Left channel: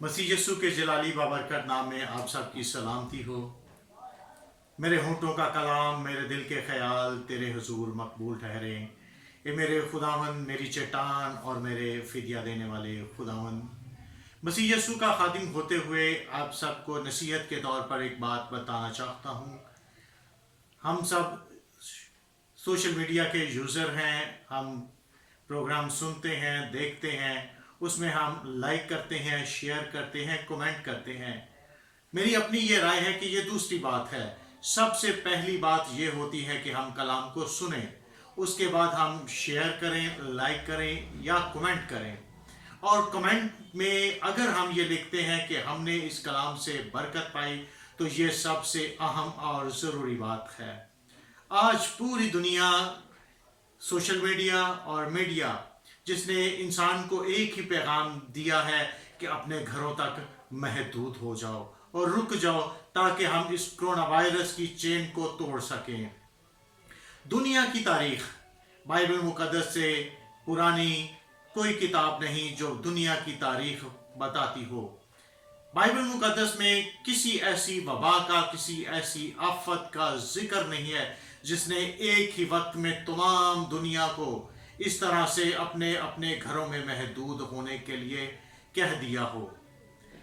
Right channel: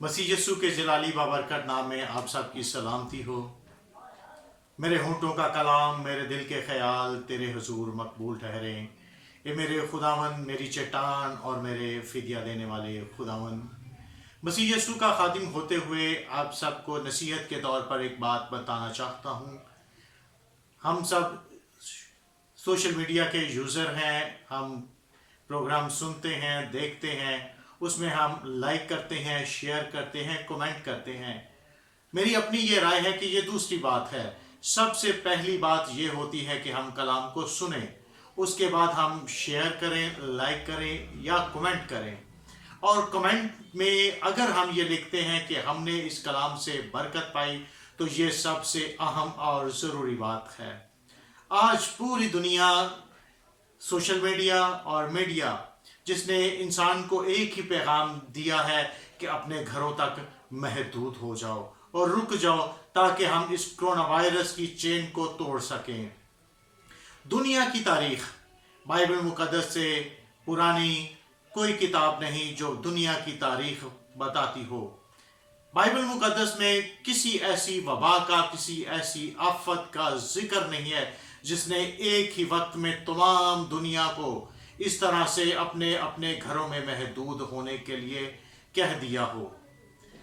मसीह यस्सु के जलाली बाबरकत नाम में आप सबकी सलामती हो। मेरे होंठों का कलाम, मेरे दिल के ख्याल तेरे हुजूर मकबूल ठहरें। ए मेरे खुदावन, मेरी चट्टान और मेरे फिदिया देने वाले खुदावन। मसीह यस्सु का खादिम होते हुए आप सबको नसीहत के तौर पर एक बात बताना चाहता हूँ। हम सब सोशल मीडिया के यूज़र हैं, हम प्रोग्राम सुनते हैं, देखते हैं, उसमें हम लाइक करते हैं, शेयर करते हैं, कमेंट करते हैं। मेरी अपनी ये राय है कि ये दूसरी बात है। सबसे पहली बात ये होती है कि हम कलाम को सुनें, उसके बाद हम शेयर करें, लाइक करें या कमेंट करें। और कमेंट में अगर हम ये लिखते हैं कि हमने इस कलाम से बरकत पाई, तो ये सबसे अहम और ज़रूरी बात है। आज पूरी दुनिया, सोशल मीडिया और मीडिया, जिसने इंसान को एक ही पैगाम दिया है कि अपने घरों तक महदूद हो जाओ और रुक जाओ, ताकि हम इस कोरोना वायरस की चेन को तोड़ सकें। दुनिया की तारीख, बाइबल मुकद्दस से पुरानी कोई किताब नहीं जो दुनिया की तारीख बताती हो। बाइबल मुकद्दस में किसी ऐसी वबा का, किसी ऐसी आफत का जिक्र नहीं है जिसने एक ही वक्त में तमाम दुनिया को इस तरह से अपने अपने घरों में महदूद होने के लिए कह दिया हो।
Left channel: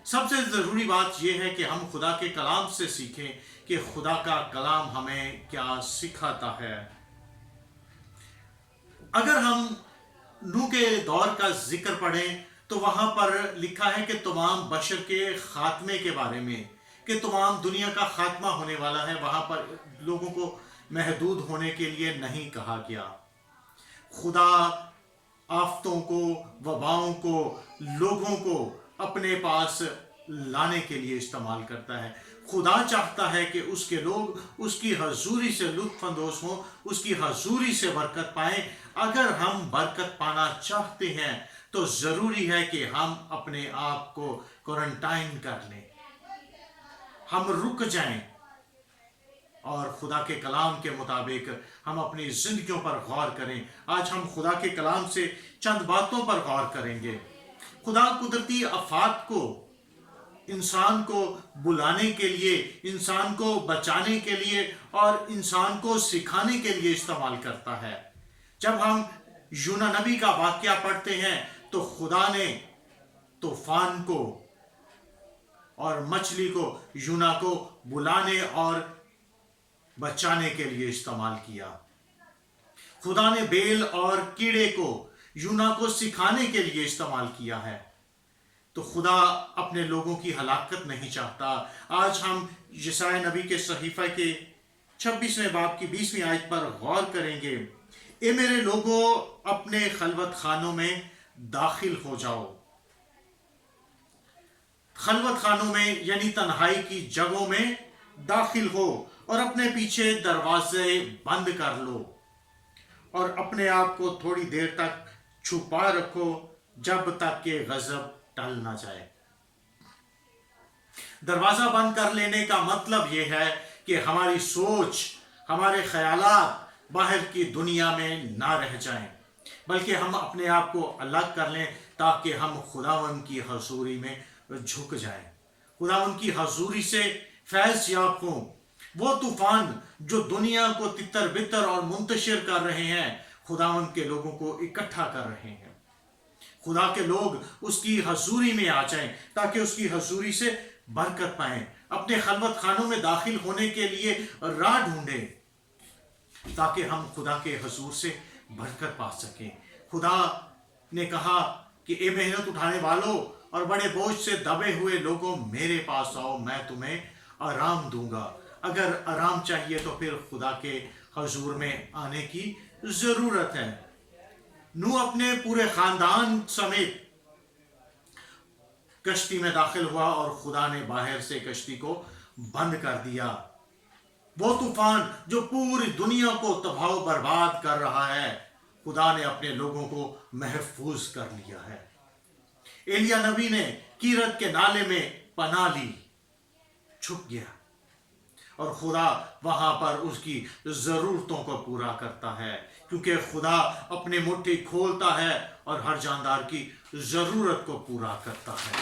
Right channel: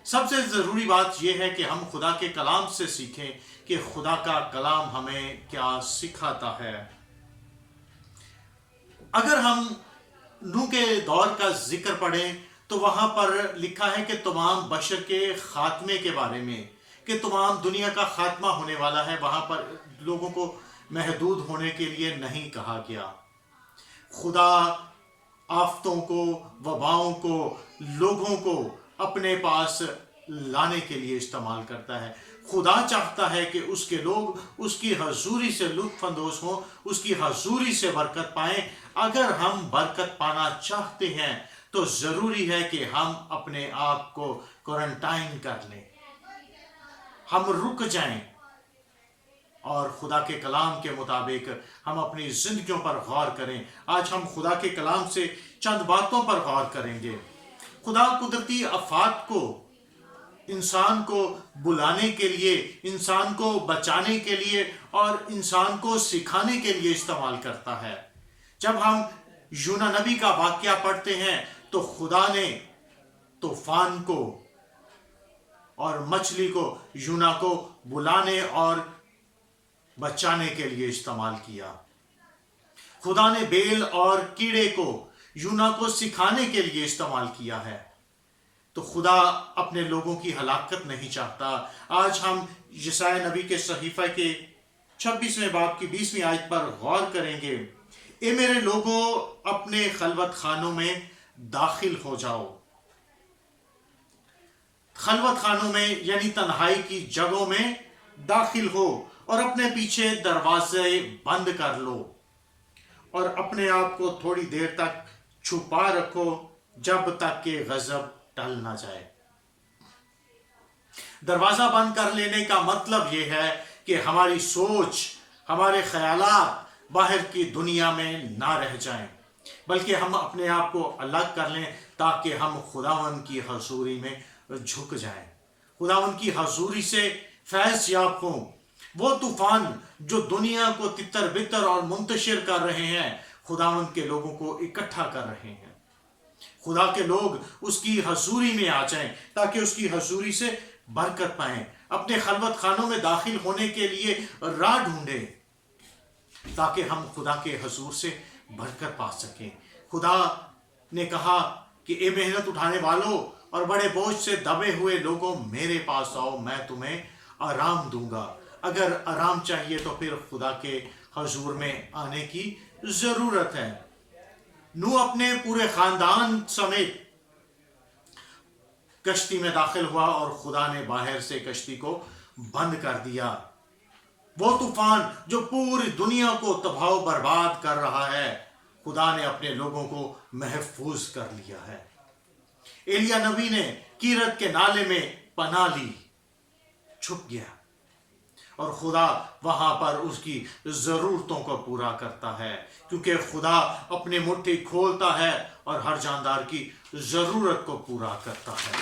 सबसे ज़रूरी बात यह है कि हम खुदा के कलाम से सीखें कि खुदा का कलाम हमें क्या सिखाता है। अगर हम नूह के दौर का जिक्र पढ़ें तो वहाँ पर लिखा है कि तमाम बशर के खात्मे के बारे में, कि तमाम दुनिया का खात्मा होने वाला है। वहाँ पर लोगों को महदूद होने के लिए नहीं कहा गया। खुदा आफतों को, वबाओं को, लोगों को अपने पास लाने के लिए इस्तेमाल करता है। खुदा चाहता है कि उसके लोग उसकी हजूरी से लुत्फ अंदोज हों, उसकी हजूरी से बरकत पाएं। अगर हम बरकत पाना चाहते हैं तो ज़रूरी है कि हम अपने आप को क्वारंटाइन कर लें, हम रुक जाएं और खुदा के कलाम के मुताबिक हम अपनी ज़िंदगियों पर गौर करें। आज हम खुदा के कलाम से चंद बातों पर गौर करेंगे। खुदा कुदरती आफात को इंसान को बुलाने के लिए, इंसान को बचाने के लिए और इंसान को सिखाने के लिए इस्तेमाल करता है। जब हम यूना नबी का वाक़या पढ़ते हैं तो खुदा ने तूफान को और मछली को, यूना को बुलाने और बचाने के लिए इस्तेमाल किया। खुदा ने बेल और कीड़े को यूना को सिखाने के लिए इस्तेमाल किया है। तो खुदा अपने लोगों की हलाकत नहीं चाहता। आज हम यशायाह नबी के सहीफा के 26वें बाब की 20वीं आयत पर गौर करेंगे। ए मेरे लोगों, अपने खलवत खानों में दाखिल हो जाओ। खलवत खानों में यानी तन्हाई की जगहों में दाखिल हो और अपने पीछे दरवाजे बंद कर लो और अपने आप को थोड़ी देर तक छुपा रखो, जब तक कि गजब टल ना जाए। दरवाजा बंद कर लेने का मतलब यह है कि हमारी सोच, हमारे ख्यालात बाहर की दुनिया में ना रह जाएं, बल्कि हम अपने आप को अलग कर लें ताकि हम खुदावन की हजूरी में झुक जाएं, खुदावन की हजूरी से फैज़ याब हों। वो तूफान जो दुनिया को तितर बितर और मुंतशिर कर रहे हैं, खुदावन के लोगों को इकट्ठा कर रहे हैं। खुदा के लोग उसकी हजूरी में आ जाएं ताकि उसकी हजूरी से बरकत पाएं। अपने खलवत खानों में दाखिल होने के लिए राह ढूंढें ताकि हम खुदा के हजूर से बरकत पा सकें। खुदा ने कहा कि ए मेहनत उठाने वालों और बड़े बोझ से दबे हुए लोगों, मेरे पास आओ, मैं तुम्हें आराम दूंगा। अगर आराम चाहिए तो फिर खुदा के हजूर में आने की ज़रूरत है। नूह अपने पूरे ख़ानदान समेत कश्ती में दाखिल हुआ और खुदा ने बाहर से कश्ती को बंद कर दिया। वो तूफान जो पूरी दुनिया को तबाह बर्बाद कर रहा है, खुदा ने अपने लोगों को महफूज कर लिया है। एलिया नबी ने कीरत के नाले में पनाह ली, छुप गया और खुदा वहां पर उसकी ज़रूरतों को पूरा करता है, क्योंकि खुदा अपनी मुट्ठी खोलता है और हर जानदार की ज़रूरत को पूरा करता है।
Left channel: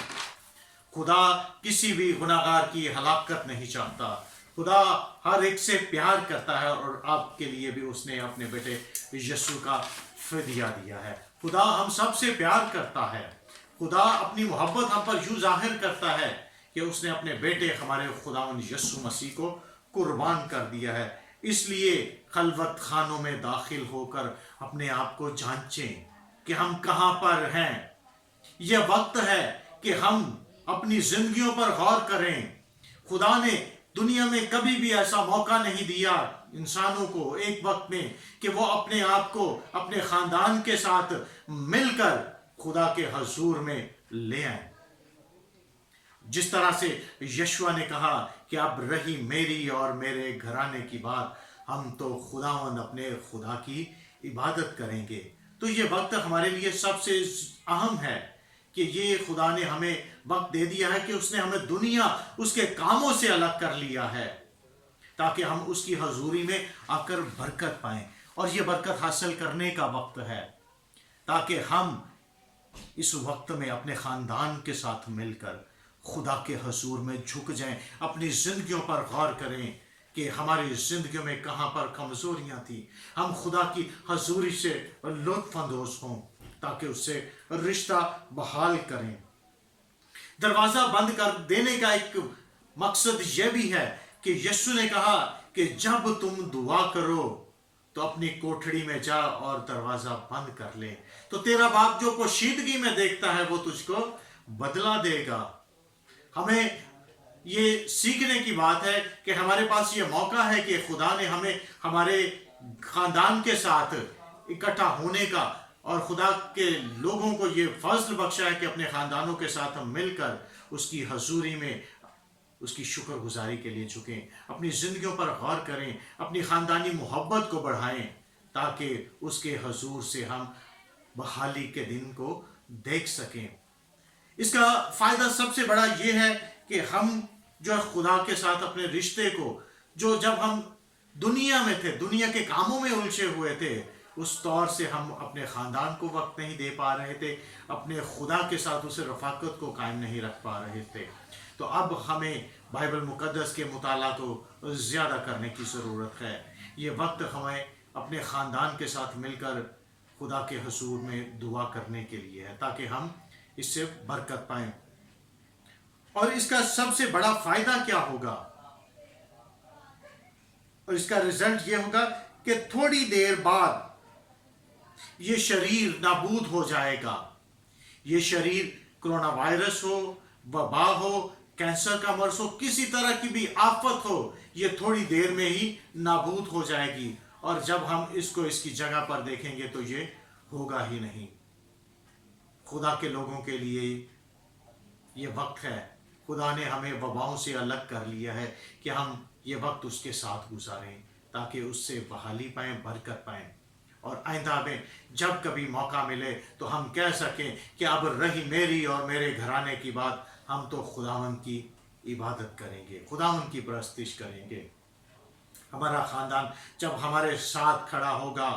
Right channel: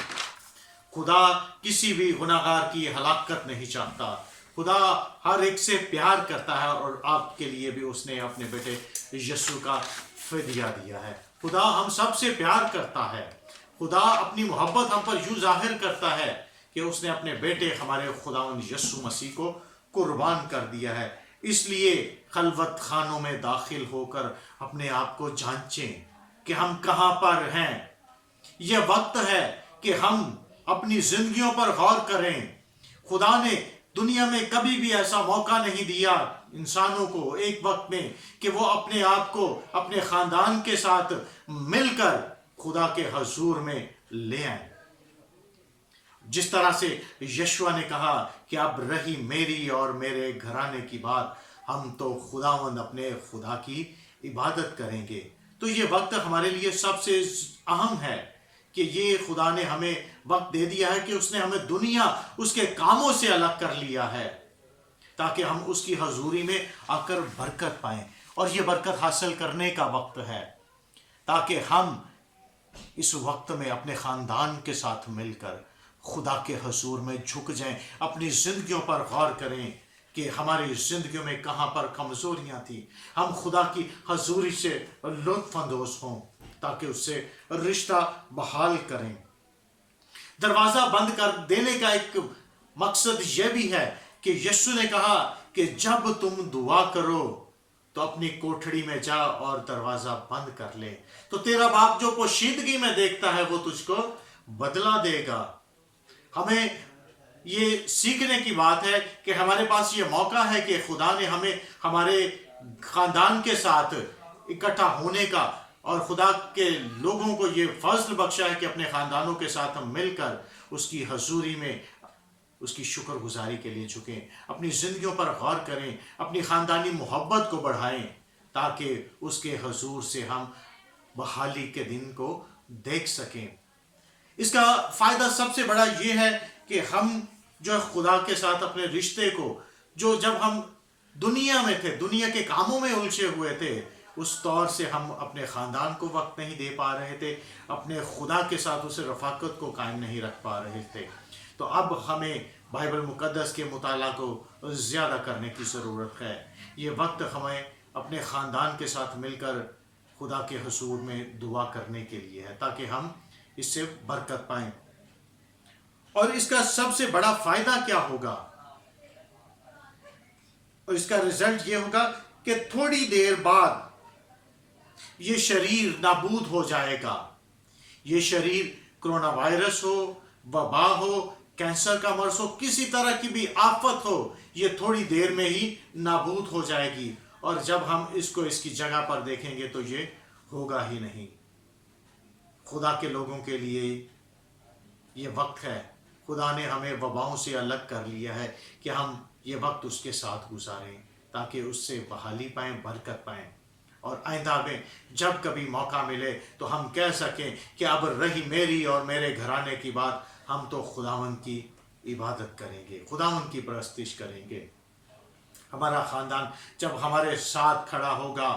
خدا کسی بھی گناہگار کی ہلاکت نہیں چاہتا. خدا ہر ایک سے پیار کرتا ہے اور آپ کے لیے بھی اس نے اپنے بیٹے یسوع کا فدیہ دیا ہے. خدا ہم سب سے پیار کرتا ہے. خدا اپنی محبت ہم پر یوں ظاہر کرتا ہے کہ اس نے اپنے بیٹے ہمارے خداوند یسوع مسیح کو قربان کر دیا ہے. اس لیے خلوت خانوں میں داخل ہو کر اپنے آپ کو جانچیں کہ ہم کہاں پر ہیں. یہ وقت ہے کہ ہم اپنی زندگیوں پر غور کریں. خدا نے دنیا میں کبھی بھی ایسا موقع نہیں دیا انسانوں کو ایک وقت میں کہ وہ اپنے آپ کو اپنے خاندان کے ساتھ مل کر خدا کے حضور میں لے آئیں. جس طرح سے یشوع نے کہا کہ اب رہی میری اور میرے گھرانے کی بات، ہم تو خداوند اپنے خدا کی عبادت کریں گے. تو یہ وقت ہمارے لیے سب سے اہم ہے کہ یہ خدا نے ہمیں وقت دے دیا ہے کہ اس نے ہمیں دنیا اس کے کاموں سے الگ کر لیا ہے تاکہ ہم اس کی حضوری میں آ کر برکت پائیں. اور یہ برکت حاصل کرنے کا وقت ہے تاکہ ہم اس وقت میں اپنے خاندان کے ساتھ مل کر خدا کے حضور میں جھک جائیں، اپنی زندگیوں پر غور کریں کہ ہماری زندگیوں میں کہاں پر کمزوریاں تھیں. ہم خدا کی حضوری سے لطف اندوز ہوں تاکہ اس سے رشتہ بحال کریں. دروازہ بند کر دینے کا ایک مقصد یہ بھی ہے کہ یسوع نے کہا کہ جب تم دعا کرو تو اپنی کوٹھڑی میں جا اور دروازہ بند کر لے، تو تیرا باپ جو پوشیدگی میں دیکھتا ہے وہ تجھ کو بدلہ دے گا. ہمیں یہ سیکھنے کی بات ہے کہ ہمارے پاس یہ موقع ہے کہ خدا نے ہمیں ہمارے خاندان کے ساتھ اکٹھا ہونے کا اور خدا کے لوگوں کو یہ فضل بخشا ہے کہ اپنے خاندانوں کے ساتھ ہم مل کر اس کی حضوری میں اس کی شکر گزاری کے لیے جھکیں، اپنی زندگیوں پر غور کریں، اپنی خاندانی محبت کو بڑھائیں تاکہ اس کے حضور سے ہم بحالی کے دن کو دیکھ سکیں. اس کا فائدہ سب سے بڑا یہ ہے کہ ہم جو خدا کے ساتھ اپنے رشتے کو، جو جب ہم دنیا میں تھے، دنیا کے کاموں میں الجھے ہوئے تھے، اس طور سے ہم اپنے خاندان کو وقت نہیں دے پا رہے تھے، اپنے خدا کے ساتھ اسے رفاقت کو قائم نہیں رکھ پا رہے تھے. تو اب ہمیں بائبل مقدس کے مطالعہ کو زیادہ کرنے کی ضرورت ہے. یہ وقت ہمیں اپنے خاندان کے ساتھ مل کر خدا کے حضور میں دعا کرنے کے لیے ہے تاکہ ہم اس سے برکت پائیں. اور اس کا سب سے بڑا فائدہ کیا ہوگا، اور اس کا رزلٹ یہ ہوگا کہ تھوڑی دیر بعد یہ شریر نابود ہو جائے گا. یہ شریر کرونا وائرس ہو، وبا ہو، کینسر کا مرض ہو، کسی طرح کی بھی آفت ہو، یہ تھوڑی دیر میں ہی نابود ہو جائے گی. اور جب ہم اس کو اس کی جگہ پر دیکھیں گے تو یہ ہوگا ہی نہیں. خدا کے لوگوں کے لیے یہ وقت ہے. خدا نے ہمیں وباؤں سے الگ کر لیا ہے کہ ہم یہ وقت اس کے ساتھ گزاریں تاکہ اس سے بحالی پائیں، برکت پائیں. اور آئندہ میں جب کبھی موقع ملے تو ہم کہہ سکیں کہ اب رہی میری اور میرے گھرانے کی بات، ہم تو خداوند کی عبادت کریں گے، خداوند کی پرستش کریں گے. ہمارا خاندان جب ہمارے ساتھ کھڑا ہوگا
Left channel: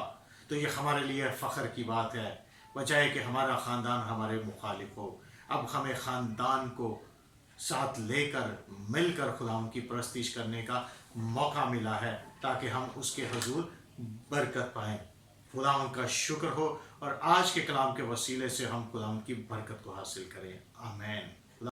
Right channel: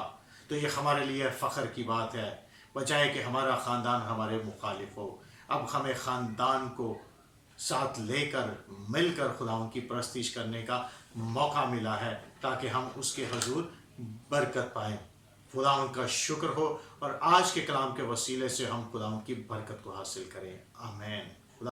تو یہ ہمارے لیے فخر کی بات ہے، بجائے کہ ہمارا خاندان ہمارے مخالف ہو. اب ہمیں خاندان کو ساتھ لے کر مل کر خداوند کی پرستش کرنے کا موقع ملا ہے تاکہ ہم اس کے حضور برکت پائیں. خداوند کا شکر ہو اور آج کے کلام کے وسیلے سے ہم خداوند کی برکت کو حاصل کریں. آمین.